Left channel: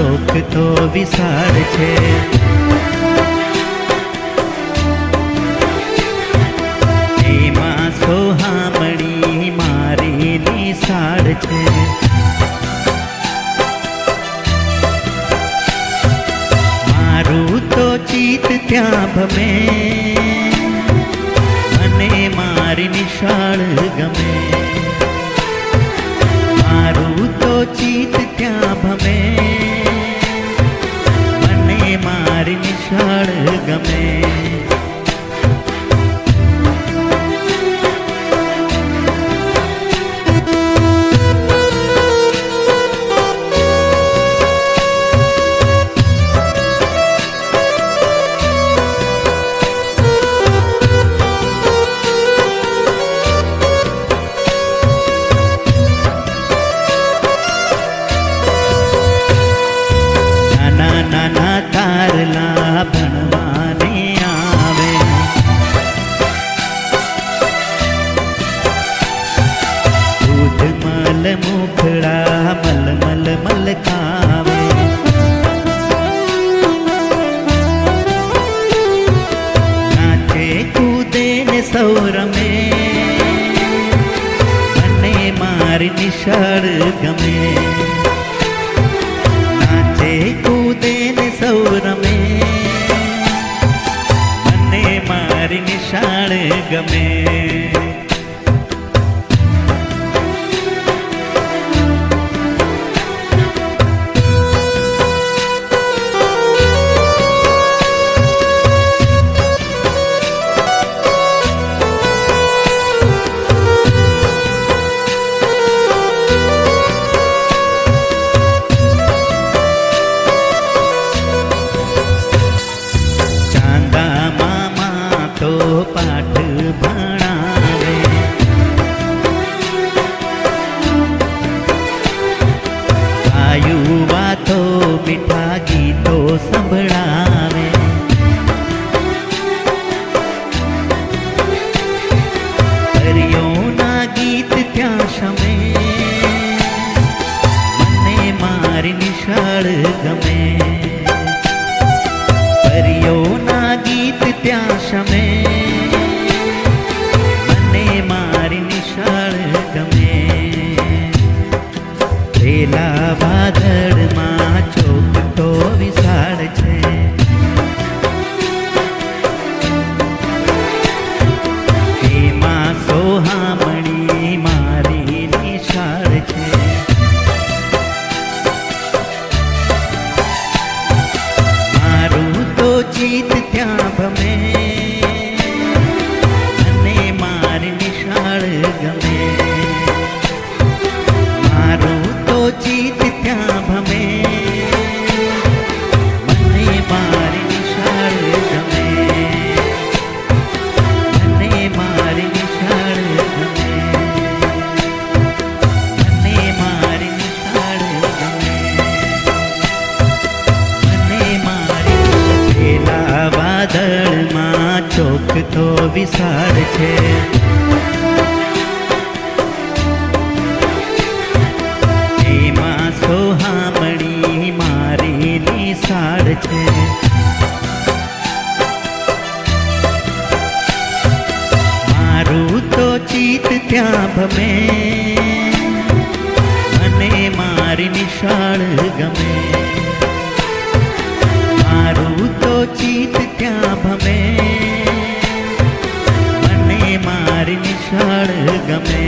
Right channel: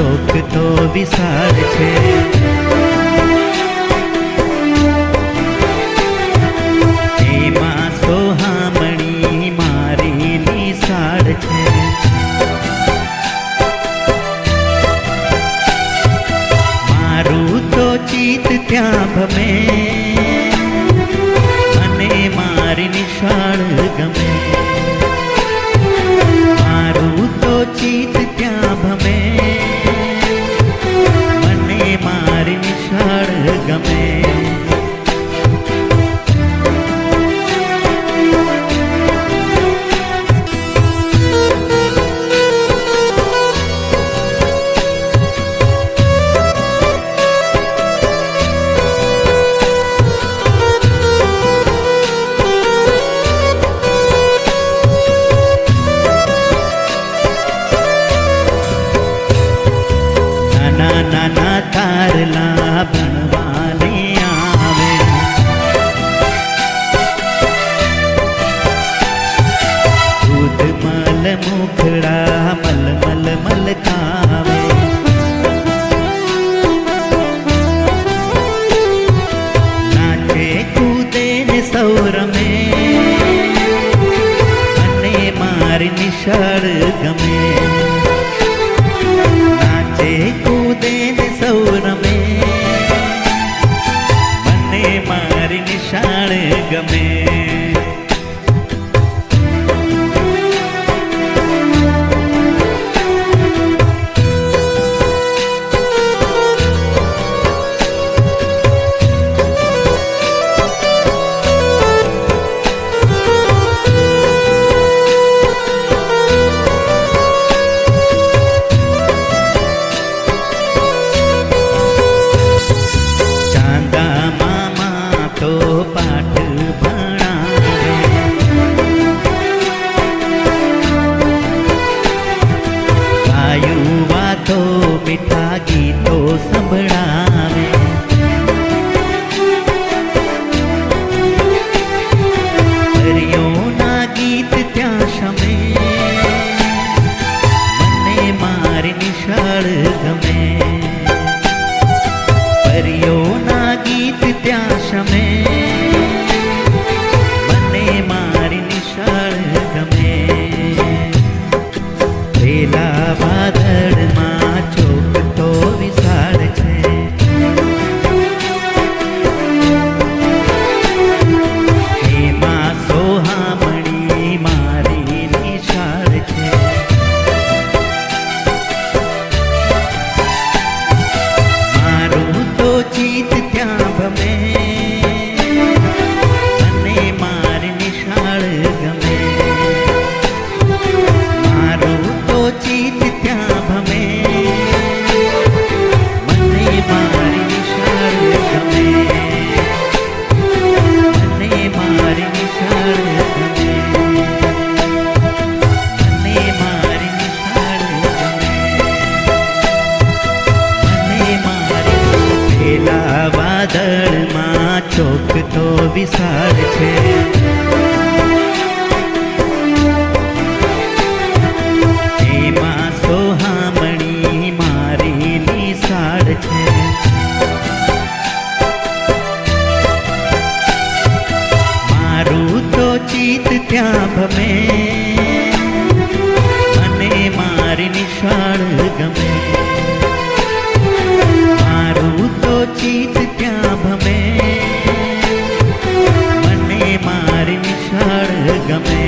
ચોક તો વિશાળ છે. એમાં સોહામણી મારી નિશાળ છે. મારું તો ચિત્ત ત્યાં ભમે, મને મારી નિશાળ ગમે. મારું તો ચિત્ત ત્યાં ભમે, મને મારી નિશાળ ગમે. નાના તારલા ભણવાને આવે, દૂધ મલ મુખડા મલ મલ મલકાવે. નાચે કૂદે ને સૌ રમે, મને મારી નિશાળ ગમે. કૂદે ને સૌ રમે, મને મારી નિશાળ ગમે. તો પાઠ ભણાવે, ગાયું વાતો મીઠા ગીતો સંભળાવે. પરીઓના ગીત ત્યાં શમે, મને મારી નિશાળ ગમે. પરીઓના ગીત ત્યાં શમે, મને મારી નિશાળ ગમે. પેલા વાદળમાં ચોક તો વિશાળ છે. એમાં સોહામણી મારી નિશાળ છે. ચિત્ત ત્યાં ભમે, મને મારી નિશાળ ગમે. મારું તો ચિત્ત ત્યાં ભમે, મને મારી નિશાળ ગમે. મને મારી નિશાળ ગમે. મને મારી નિશાળ ગમે. મને મારી પેલા વાદળમાં ચોક તો વિશાળ છે. એમાં સોહામણી મારી નિશાળ છે. મારું તો ચિત્ત ત્યાં ભમે, મને મારી નિશાળ ગમે. મારું તો ચિત્ત ત્યાં ભમે, મને મારી નિશાળ ગમે.